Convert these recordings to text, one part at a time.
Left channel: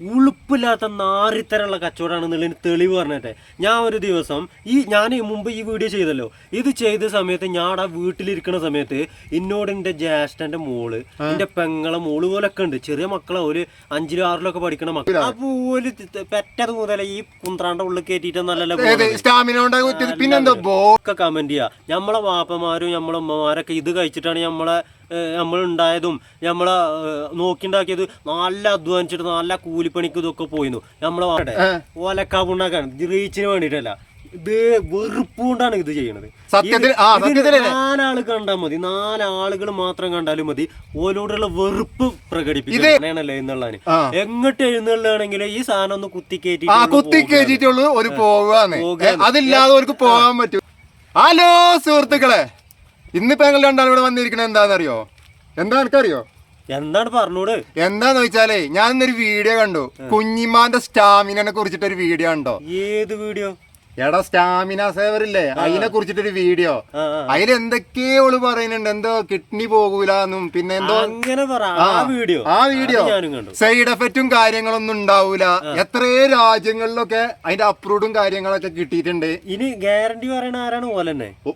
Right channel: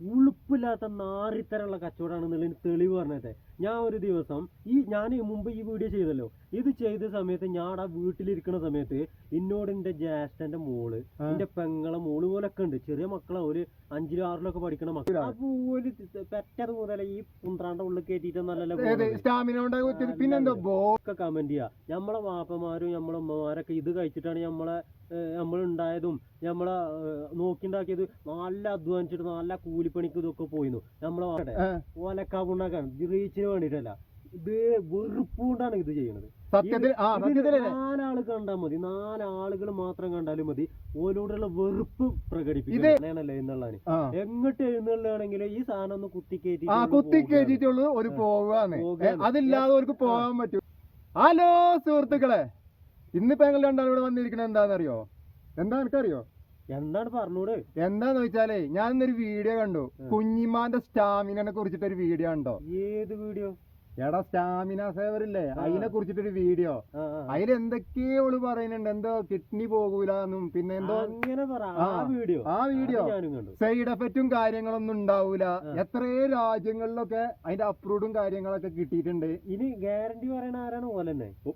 ഉളുപ്പില്ലാത്ത നാറിത്തരമുള്ള കച്ചവടമാണെന്നുള്ളതിന് തെളിവ് പറഞ്ഞിട്ട്. ഞാൻ ഒരു ദിവസം ഈ ഞാൻ മുമ്പ് ഈ വീഡിയോ ചെയ്തല്ലോ. ഇത് ചെയ്ത സമയത്ത് ഞാൻ ആ വീട്ടിലിരിക്കുന്ന സമയത്ത് എന്നോട് എന്റെ ജ്യേഷ്ഠന്റെ മോൾ എന്റെ പെങ്ങളെ മോൾ പോലൊക്കെ ഉണ്ട്. ചെറിയ മക്കളെ. ഒരു അഞ്ചിലും ആറിലും ഒക്കെ പഠിക്കണ മക്കൾ ആ ത- പെറ്റത് മുതലേ ഈ കുന്ത്രാണ്ട ഉള്ളിൽ കയറ്റിയിട്ട് പിന്നെന്തോ ഒക്കെ കമന്റ് ചെയ്യുക നമ്മളെ വാപ്പമാരും നമ്മളെ ഉമ്മമാരൊക്കെ ഇത് കഴിച്ചിട്ടാണ് നമ്മളെ നമ്മൾ ഉണ്ടായതും നമ്മളെ നോക്കിണ്ടാക്കിയത് നല്ല അധ്വാനിച്ചിട്ട് നല്ല കൂലിപ്പണിക്ക് ഇതൊക്കെ പോയിരുന്നു നമ്മളെ ഓലക്കാ ഓലക്കാവുണ്ടാക്കാൻ റീച്ചിന് വേണ്ടിയിട്ടല്ല ഇത് വെറുപ്പ് കൊണ്ടാണ് ഇത് ചെയ്യണത് നാലാൾ കണ്ടാൽ മതി. നാലാളുകൾ മാത്രം കണ്ടാലും മതി. ഓലോടുള്ള വെറുപ്പ് പ്രകടിപ്പിക്കണല്ലേ എന്നുള്ളതാണ് ആ. എങ്ങോട്ട് എഴുന്നള്ളാണെങ്കിൽ ഈ സാധനം ഒന്ന് കുത്തിക്കേറ്റി കുത്തിക്കേറ്റിട്ടുള്ളൂ ഒരു പോകാന്ന്. അതില്ലാതെ പോകാൻ പറ്റും. ഹലോ സുഹൃത്തുക്കളെ. ഇന്നിപ്പോ ഞങ്ങൾ രണ്ടാളും ഇവിടെ വന്നിരിക്കണത് എന്താണെന്നറിയോ? എന്താ എനിക്കറിയോ എന്താണ് പറഞ്ഞോട്? എന്താന്ന് വെച്ചാലേ ഞാൻ ഇന്നൊരു വീഡിയോ കണ്ടു. കുഞ്ഞിമാന്റെ സ്റ്റാമിനെ കുറിച്ചിട്ടൊരു വീഡിയോ ഉണ്ടോ ഏത് വീഡിയോ? എടാ സ്റ്റാമിന സേവർ ഇല്ലേ അതിനെ കുറിച്ചിട്ടൊരു വീഡിയോ. അതിൽ എന്തൊക്കെയോ ഓൾ പറയുന്നുണ്ട്. എന്തോ കിഡ്നി പോകൂലെന്നും പിന്നെ എന്തോ ആ. വീഡിയോ. ആ വീഡിയോ. സൈഡ് എഫക്റ്റും കാര്യങ്ങളൊന്നും ഉണ്ടാവൂല. എത്രയോ രാജ്യങ്ങളിലൊക്കെ അതിന്റെ അപ്രൂവും കാര്യങ്ങളൊക്കെ കിട്ടിയിട്ടുണ്ട്. ഇനി ഗ്യാരണ്ടി പറയണ ആരാണ് പോലെ ഓ,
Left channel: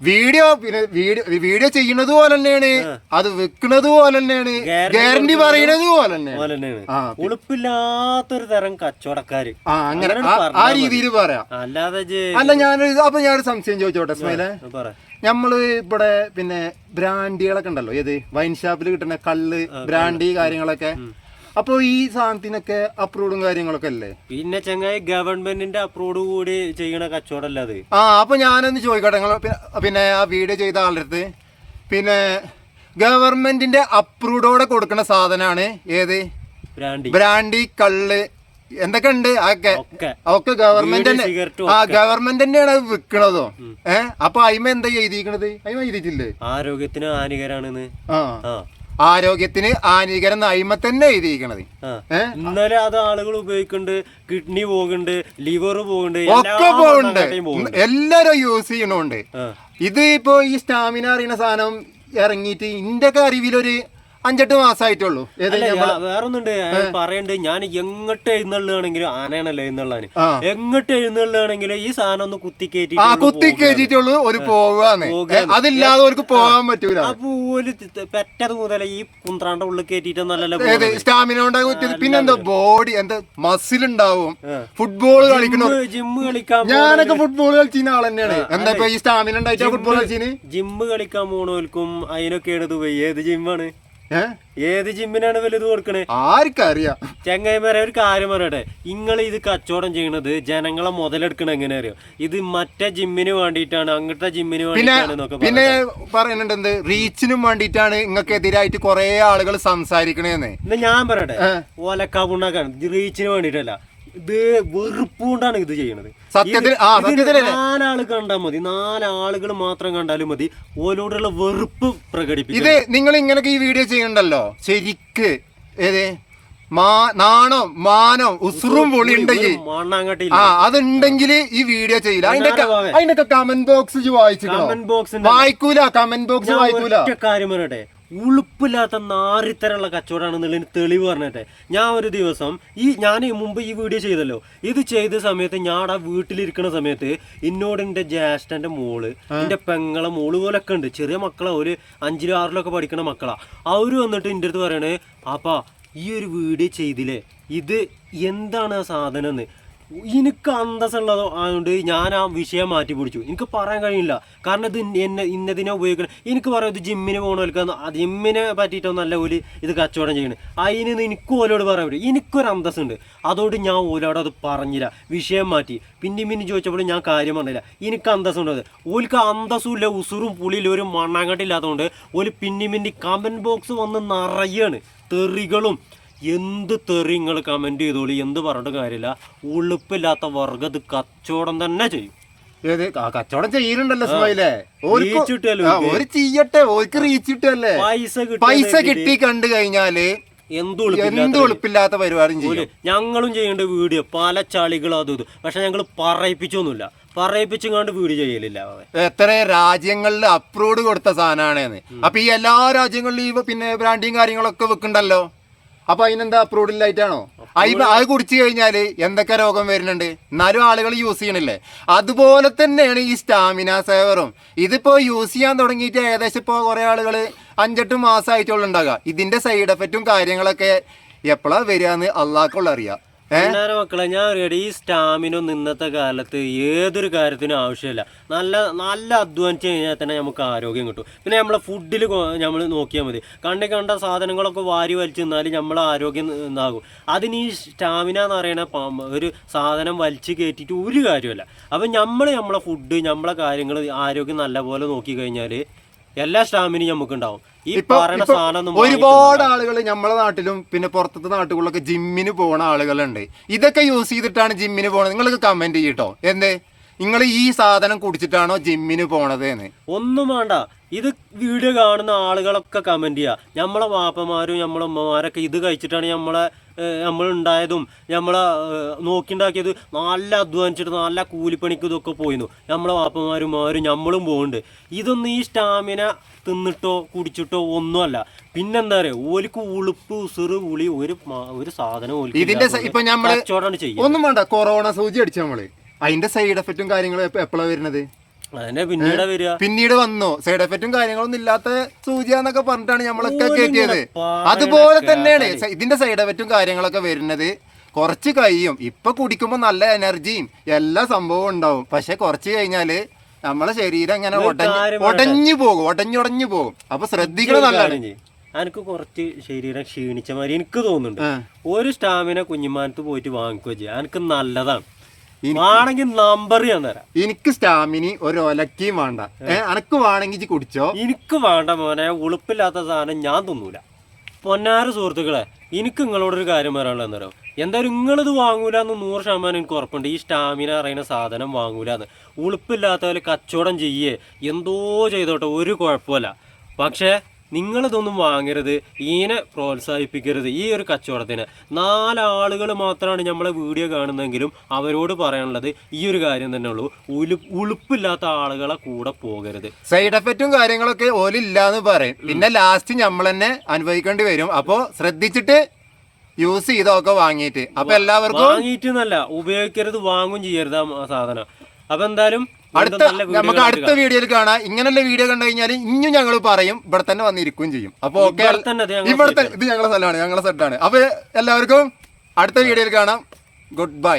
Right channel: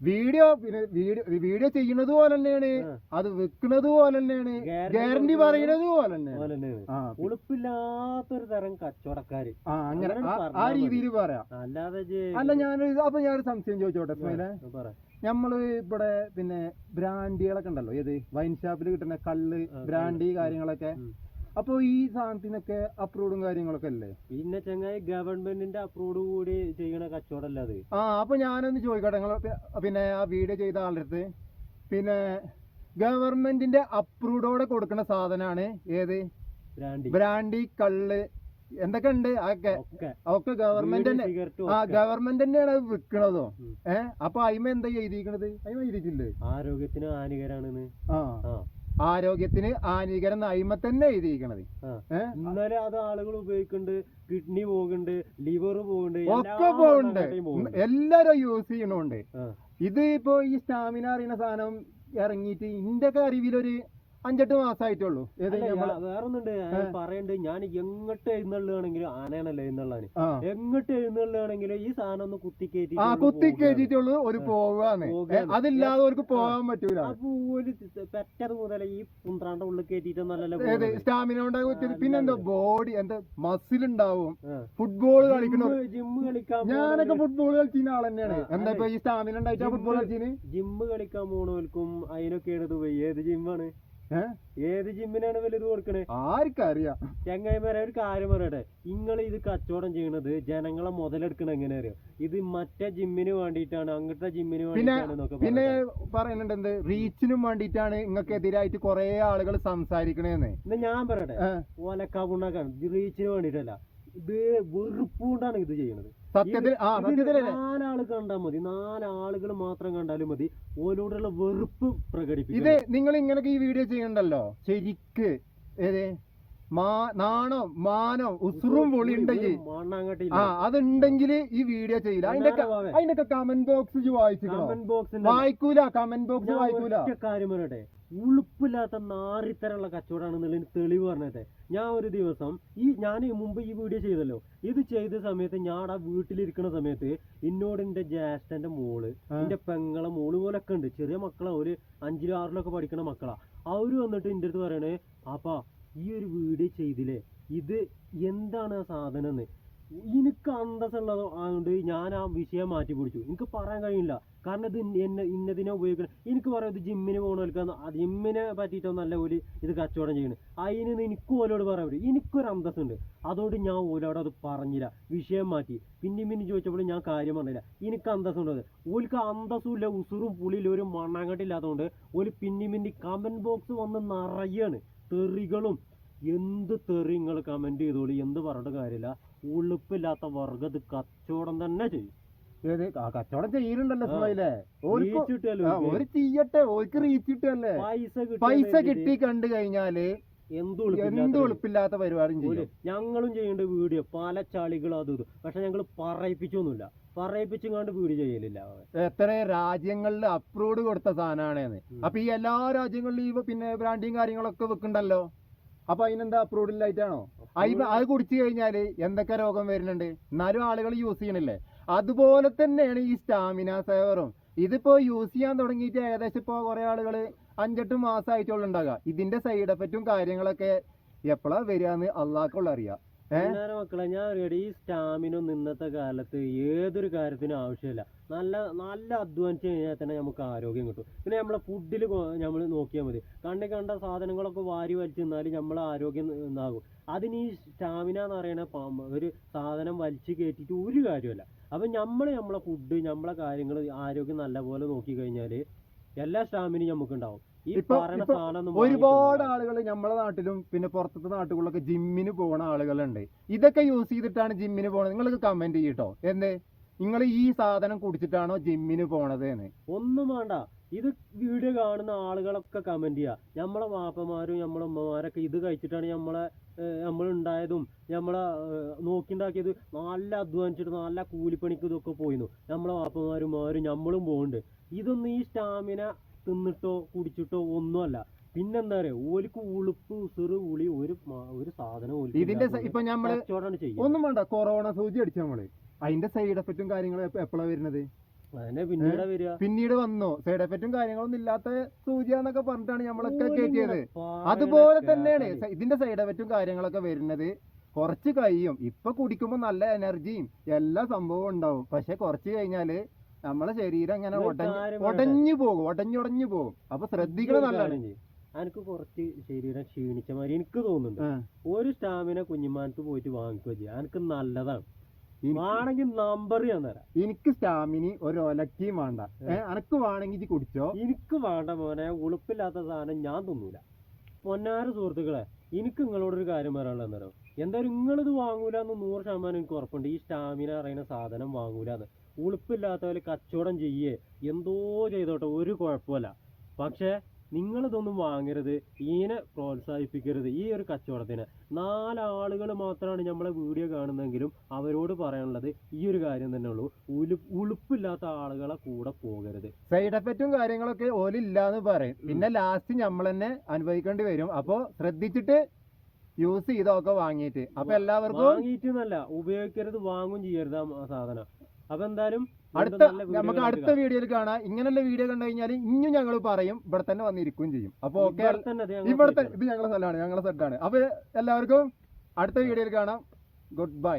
വീഡിയോ പിന്നെ വീഡിയോ വീഡിയോ ചെയ്യണത് പോലെ തന്നെയാണ് അത് വെക്കണത് പോലെ തന്നെയാണ് ഗ്യാരണ്ടി പറയണത് പോലെ തന്നെയാണ് ഉളുപ്പില്ലാത്തൊരു തരം കച്ചവടക്കാര്. ആ അങ്ങനെ ആ- രീതിയിൽ പറയാം. അല്ലാതെ അല്ല ഞാൻ അപ്പൊ ഞാനൊരു സംശയം ചോദിച്ചോട്ടെ സ്മൈലെ? നമ്മൾ ഇവിടെ പിന്നെ ബ്രാൻഡികളൊക്കെ ഉണ്ടല്ലോ ഏത്? വൈൻ ഷാപ്പിൽ കിട്ടുന്ന കള്ള് ബ്രാൻഡി കാര്യങ്ങളൊക്കെ. അപ്പൊ ഈ സാധനത്തിനൊക്കെ അപ്രൂവും കാര്യങ്ങളൊക്കെ അല്ലേ? പിന്നെ ചങ്ങായി ഗവൺമെന്റിന്റെ അപ്രൂവ് കൂടി ചെയ്യണ കച്ചവടമല്ല അത്. ആ അപ്പൊ ഞാനൊന്ന് ചോദിക്കട്ടെ നിങ്ങൾ പിന്നെ ആ വീഡിയോ ചെയ്ത ആളുടെ പിന്നെ ഗവൺമെന്റിന്റെ അപ്രൂവോടെ കൊടുക്കുന്ന സാധനമാണ് ഏത്? ബ്രാൻഡി. ബ്രാൻഡി കള്ള് എന്തൊക്കെ ഉണ്ട് അതൊക്കെ ഒക്കെ ഗവൺമെന്റ് തന്നെ. ആ ഗവൺമെന്റ് തന്നെയാണ് അത് വിൽക്കണതോ ഏഹ് അപ്പൊ അയിമ എന്താ എഴുതിക്കണത് അയിമ എഴുതിയിട്ടില്ലേ? ആരോഗ്യത്തിന് ഹാനികരാണെന്ന് ആ. ആരോഗ്യത്തിന് ഹാനികരം അയിമ തന്നെ എഴുതിയിരിക്കണത്. ഇന്നലെ അത് ആളുകൾ ഉപയോഗിക്കുന്നുണ്ട് കിഡ്നി പോകുന്നുണ്ട് ലിവർ പോകുന്നുണ്ട് ഒക്കെ പോകുന്നുണ്ട്. എല്ലാരും യൂസ് ചെയ്യണുണ്ട്. ഇത് ഇപ്പോ ഈ സ്റ്റാമിന അറിയുന്ന സാധനം ഇറങ്ങിയിട്ട് ഇന്റെ ഒക്കെ അറിവിലൊരു അഞ്ചെട്ട് മാസമായിട്ടുള്ളൂ വേറൊന്നുണ്ട്. പറയണ്ട് ഞാൻ എങ്ങോട്ട് എഴുന്നള്ളാണെങ്കിലും ആനയാണല്ലോ എഴുന്നള്ളാന്. എങ്ങോട്ട് എഴുന്നള്ളാണെങ്കിലും ഈ സാധനം ഒന്ന് കുത്തി കയറ്റി ആ കുത്തി കയറ്റിട്ടുള്ളൂ ഒരു പോവാന്ന് പോകാന്ന്. അതില്ലാതെ അവർക്ക് പോകാൻ പറ്റൂല. ത- പെറ്റത് മുതലേ ഈ കുന്ത്രാണ്ട ഉള്ളിൽ കയറ്റിട്ട് നല്ല സ്റ്റാമിന ഉണ്ടാകും പിന്നെ പിന്നെന്താ ബോഡി എന്താ മസിൽ ഉണ്ടാവും. ഫുട്ബോൾ കളിക്കണോ? ജിമ്മ് കളിക്കാൻ ഞാനൊക്കെ ഫുട്ബോൾ കളിച്ചിരുന്ന ആൾ തന്നെയാണ് എന്താ ഇപ്പൊ ഈ സ്റ്റാമിന ഉണ്ടായിട്ട് ഫുട്ബോൾ കളിച്ചിന്? ജിമ്മ് കളിക്കാൻ പോണോൽക്കും അതിനൊക്കെയാണ് പോയി. ഏത് ജിമ്മാണ് ഏത് ജിമ്മിനാണ് വലുത് കൊടുക്കണേ? ആർക്കറിയാം. ചെങ്ങായിമാരെ ഒരു കാര്യം പറയട്ടെ. നിങ്ങൾ ഇത് കച്ചവടം ചെയ്യണത് ജനങ്ങളെ മുതലെടുക്കണ എങ്ങനെ അറിയോ ഇത് മറ്റേ ജിമ്മിന് വേണ്ടിയിട്ടാണ് അങ്ങനത്തെ ജിമ്മിന് വേണ്ടിയിട്ടാണ് പിന്നെ പറയുന്നുണ്ട് എന്ത്? റീച്ചിനും വേണ്ടിയിട്ടാണ് നിങ്ങൾക്ക് എതിരായിട്ട് കുറെ ആളുകൾ സംസാരിക്കണേന്ന്. എന്നാ ഞാൻ പറയട്ടെ. ഓലക്കാ പുണ്ണാക്കാണ് റീച്ചിന് വേണ്ടിയിട്ടല്ല. ഇത് വെറുപ്പ് കൊണ്ടാണ് ഇത് ചെയ്യണത്. സത്യത്തിൽ ആ നാലാൾ കണ്ടാൽ മതി. നാലാളുകൾ മാത്രം കണ്ടാലും മതി. ഓരോടുള്ള വെറുപ്പ് പ്രകടിപ്പിക്കും. ഇത് നിങ്ങൾ ഇങ്ങനൊക്കെ ഈ വീഡിയോ ചെയ്യണ്ടല്ലോ ശരിക്ക് ഏതേ? നാണോ മാനോ ഉസുറും പൊളി ഉണ്ടെങ്കിൽ ആ അതുണ്ടെങ്കിൽ ഈ വീഡിയോ ചെയ്യില്ല. അതിന്റെ. അതിന്റെ കമന്റ് ബോക്സ് വായിച്ചു കമന്റ് വായിക്കൂല കമന്റ് ബോക്സ് വായിക്കൂല. കാര്യം പറയട്ടെ. ഉളുപ്പില്ലാത്ത നാറിത്തരമുള്ള കച്ചവടമാണെന്നുള്ളതിന് തെളിവ് പറഞ്ഞിട്ടെ. ഞാൻ ഒരു ദിവസം ഈ ഞാൻ മുമ്പ് ഈ വീഡിയോ ചെയ്തല്ലോ. ഇത് ചെയ്ത സമയത്ത് ഞാൻ ആ വീട്ടിലിരിക്കുന്ന സമയത്ത് എന്നോട് എന്റെ ജ്യേഷ്ഠന്റെ മോൾ എന്റെ പെങ്ങളെ മോൾ പോലൊക്കെ ഉണ്ട്. ചെറിയ മക്കളാ ഒരു അഞ്ചിലും ആറിലൊക്കെ പഠിക്കുന്ന മക്കളാ. അവർ വന്നിട്ട് എന്റെ അടുത്ത് പറയണേ അപ്പാ ഈ ഒരു വീഡിയോ ചെയ്തില്ലേ? ഇത് എന്താണ് ആ സാധനം എന്ന് എനിക്ക് അന്തസ്സുള്ളത് ആയതുകൊണ്ട് ഞാൻ ആ വിഷയം മാറ്റി പിടിച്ചു. എനിക്ക് പറയാൻ കഴിയില്ല. കാരണം ഇത് എന്നെ ഇന്നതിനെ ഉപയോഗിക്കണം എനിക്ക് പറയാം ഇത് ജിമ്മിന് പോകണവർക്ക് ജിമ്മിനെ പറ്റിയിട്ടൊന്നല്ല ഓൽ ഇത് കച്ചവടം ചെയ്യണം. അതിന് എനിക്ക് ഓലോട് പറയാൻ പറ്റും. എനിക്കൊരു അന്തസ്സുണ്ട്. അതുകൊണ്ട് ഞാൻ ഓലോട് അത് പറഞ്ഞില്ല. വിഷയം മാറ്റി. പിന്നെ പിന്നെ ചോദിച്ചപ്പോൾ ഞാൻ കാര്യം പറഞ്ഞില്ല. എനിക്ക് അന്തസ്സുണ്ടത്. ഓൽക്ക് അന്തസ്സുമില്ല ഉസുറും പുളിയില്ല ഒരു മണ്ണാങ്കട്ടില്ലാത്തതുകൊണ്ട് ഓൽ പിന്നി പിന്നി കമന്റ് ബോക്സ് വന്ന് നിറയാണ്. തെറികളും എന്ത് തെറി നിങ്ങൾ കമന്റ് ചെയ്തോളി എന്ത് പറഞ്ഞിട്ട് കാര്യമില്ല. ഉളുപ്പില്ലാത്ത വർഗത് കച്ചവടം തന്നെ ചെയ്യും. ഏത്? ആ കച്ചവടം ഒരു കിട്ടുമല്ലോ ആ, ഓര് ചെയ്യട്ടെ ഓർക്ക് റീച്ച് കിട്ടല്ലേ പൈസ കിട്ടി. കണ്ടു കഴിഞ്ഞാൽ എന്ത് എളുപ്പില്ലാത്ത പരിപാടിയും ചെയ്യും. ഞങ്ങളും ചെയ്യേണ്ട വീഡിയോ പല ചളികളും അതും ഇതും. പക്ഷെ ഞങ്ങൾ പറയിപ്പിച്ചൊന്നുമില്ല. പറയിപ്പിച്ചും വീഡിയോ ചെയ്യലില്ല എത്ര രാജ്യങ്ങളിൽ അപ്രൂവ് കൊടുത്ത സാധനമാണെന്ന് അപ്പൊ ഈ എല്ലാ രാജ്യങ്ങളിലും ഈ പിന്നെ ബ്രാൻഡിങ് കാര്യങ്ങളൊക്കെ വെക്കണ്ടല്ലോ? അപ്പൊ അതിനെന്താ അപ്രൂവ്ഡ് ലൈറ്റാണോ അത് കുടിച്ചു കഴിഞ്ഞാൽ എന്തൊക്കെ രോഗം വരുന്നുണ്ട്? എന്നാലും ആളുകൾ യൂസ് ചെയ്യണില്ലേ? അതുപോലെ തന്നെയാണ് ഈ സ്റ്റാമിന സേവറും ഇതിപ്പോ യൂസ് ചെയ്യാൻ തുടങ്ങിയിട്ട് ഏകദേശം ഇപ്പോ കുറെ ആളുകൾ അഞ്ചെട്ട് മാസമായിട്ടുള്ള ഉണ്ടാകുക ഇതിന്റെ സൈഡ് എഫക്റ്റും കാര്യങ്ങളൊക്കെ എപ്പോഴാ വരികയെന്ന് അള്ളാഹ്ക്കുള്ള അറിയാം മക്കളെ ഞാൻ അറിയാം ഈ സ്റ്റാമിനൊന്നും ഇന്നത്തെ കാലത്ത് ഏതൊരു കാര്യത്തിനും ആവശ്യമില്ല. നല്ല നല്ല അധ്വാനിച്ച് കഴിഞ്ഞാൽ തന്നെ നമുക്ക് ആരോഗ്യം കിട്ടും. പിന്നെ നമ്മളെ ഫുഡിൽ നമ്മൾ നോക്കിയാൽ മതി. കണ്ടേ കണ്ട സാധനങ്ങളൊക്കെ വാരി വലിച്ചു നിന്നാൽ നമ്മളെ ആരോഗ്യം ഇതാകും. അതിന് ഈ സ്റ്റാമിന എന്ന് പറയുന്ന ഒരു സാധനം വലിച്ചു കയറ്റിയിട്ട് ഒരു കാര്യമല്ല അപ്പം നമ്മൾ നമ്മളെ ഫുഡ് നമ്മളെ കാര്യങ്ങൾ ആരോഗ്യം നല്ലപോലെ നോക്കി കഴിഞ്ഞാൽ എല്ലാ സ്റ്റാമ്പിനും നമുക്ക് ഉണ്ടാവും ഈ ഇപ്പൊ പറയുന്ന ഇപ്പൊ സാധനം ഒരുപാട് ആളുകൾ നമ്മളെ നാട്ടിലും പിന്നെ പുറത്തത്തെ നാട്ടുകളിലൊക്കെ ജിമ്മിന് പോണ ആളുകളുണ്ട്. ഇതൊക്കെ യൂസ് ചെയ്തിട്ടാണ് ജിമ്മിന് പോണത്. നിങ്ങൾക്ക് കമന്റ് ചെയ്യട്ടോ. എന്തേ? നിങ്ങൾ ഈ സാധനം കുടിച്ചിട്ടാണോ ജിമ്മിന് പോണത് എന്ന് ഒന്നും വേണ്ട. ഇത് വീഡിയോ കാണുന്ന ആളുകളൊക്കെ കമന്റ് ചെയ്യുക നമ്മളെ വാപ്പമാരും നമ്മളെ ഉമ്മമാരൊക്കെ ഇത് കഴിച്ചിട്ടാണ് നമ്മളെ നമ്മൾ ഉണ്ടായതും നമ്മളെ നോക്കിണ്ടാക്കിയത് നല്ല അധ്വാനിച്ചിട്ട് നല്ല കൂലിപ്പണിക്ക് ഇതൊക്കെ പോയിരുന്നു നമ്മളെ വാപ്പമാരും ഉമ്മമാരും നമ്മളും പോകുന്നുണ്ട് ഇതൊന്നും ഈ സ്റ്റാമിന തിന്നിട്ടോ കുടിച്ചിട്ടോ ഒന്നുമല്ല. പിന്നെന്താ പറയുക ഓലിക്ക് ഉളുപ്പ് ഉസിറ് ഉളി ഒരു ഒരു സാധനം ഇതിന്റെ ഇപ്പൊ ഞമ്മൾ ഒന്നും വേണ്ട കൊറോണ സൂചി അടിച്ചു നമ്മൾ. അതിന്റെ സൈഡ് എഫക്റ്റും കാര്യങ്ങളും എപ്പോഴാണ് വരുന്നത്? പിന്നീട് വരിക. പിന്നീട് വന്നു? സൈഡ് എഫക്റ്റും കാര്യങ്ങളൊന്നും ഇല്ലാത്ത സൂചിയാന്നൊക്കെ പറഞ്ഞിട്ടാണ് നമ്മളൊക്കെ കേട്ടിയത്. കയറ്റിയത് അതുപോലെ തന്നെയാണ് ഇതിന്റെ സൈഡ് എഫക്റ്റും കാര്യങ്ങളൊക്കെ വരുന്നത് കുറച്ച് കഴിയും. ഇപ്പൊ കുടിക്കുമ്പോ നല്ല എനർജിയും എല്ലാ സംഭവവും ഉണ്ടാവും. പക്ഷെ കുറച്ച് കഴിഞ്ഞാൽ നമ്മളെ ശരീരം ഇങ്ങനെ ഒരു ഒടഞ്ഞ് ഒടഞ്ഞു പോകും ഒടഞ്ഞുടഞ്ഞു പോകും. അപ്പൊ ശ്രദ്ധിക്കണം നല്ലതാണ്. എനിക്ക് കുറച്ച് ശരീരം ക്ഷീണിച്ച മാതിരി എനിക്ക് തോന്നുന്നുണ്ട്. ഒരു സ്റ്റാമിന കുഞ്ഞുമാനത്ത് പോയിട്ട് വാങ്ങിക്കുക ചെയ്യാം. എനിക്ക് നല്ലതാണ്. ആണെങ്കിൽ നമ്പർ ഞാൻ തരാം. എനിക്ക് സ്റ്റാമിനി ഒരു ഒലക്കിയും വേണ്ട. അനക്ക് വേണമെങ്കിൽ കുടിച്ചോ. എനിക്ക് വേണ്ട മോനെ ഉളുപ്പില്ലാത്ത സാധനം ഞാൻ തിന്നൂല. പൊന്നാര സുഹൃത്തുക്കളെ എനിക്ക് നിങ്ങളോടൊരു കാര്യം പറയാനുള്ള എന്താ എന്തായാലും നിങ്ങളിത് വാങ്ങൂല എന്ന് നൂറ് ശതമാനം എനിക്ക് ഉറപ്പുണ്ട്. ഈ സ്റ്റാമിന അറിയുന്ന സാധനം വാങ്ങൂല എന്ന് ഉളുപ്പില്ലാത്തവര് കച്ചവടം ചെയ്യേ. എന്തോ ചെയ്തോട്ടെ ഒരു കുഴപ്പമില്ല. പക്ഷേ നിങ്ങളിതൊന്നും വാങ്ങരുത് ഈനെ പ്രോത്സാഹിപ്പിക്കരുത് ഈ ഒരു കച്ചവടത്തിന്. നാലാളുകൾ മാത്രമാണ് നമ്മളെ വീഡിയോ കാണുന്നതെങ്കിലും അവരോട് പറയാനുള്ളത് ഈ ഒരു കാര്യം തന്നെ ഉള്ളൂ. ഉലു ഉളുപ്പില്ലാത്ത ആളുകളെ കൂടെ പോകരുത്. സൈഡ് എഫക്റ്റും കാര്യങ്ങളൊക്കെ ഓലില്ലാന്ന് പറയും. പിന്നെ ലാസ്റ്റ് നമ്മൾ തന്നെ അനുഭവിക്കേണ്ടി വരും. അപ്പോൾ ശ്രദ്ധിച്ചിട്ട് യൂസ് ചെയ്തൊക്കെ വാങ്ങിയിട്ട് അപ്പൊ എല്ലാവർക്കും വാങ്ങിയിട്ടെന്നല്ല ഉപയോഗിക്കരുത് വാങ്ങും ചെയ്യരുത് ആ സാധനം. അപ്പൊ എന്തായാലും അടുത്ത നമുക്ക് അടുത്ത വീഡിയോയിൽ കാണാം. ഇങ്ങനെയുള്ള വീഡിയോ കണ്ടു കഴിഞ്ഞാൽ ഇനിയും ഞങ്ങൾ പറയും ഇവിടെ തന്നെ വന്നിരിക്കുകയും ചെയ്യും. അപ്പൊ ഓക്കെ ഇവിടെ ഇത് ഞങ്ങളെ സ്ഥലമാണ് ഞങ്ങളെ സെറ്റാണ്. അപ്പൊ എല്ലാവർക്കും അടുത്ത വീഡിയോയിൽ കാണാം. Good bye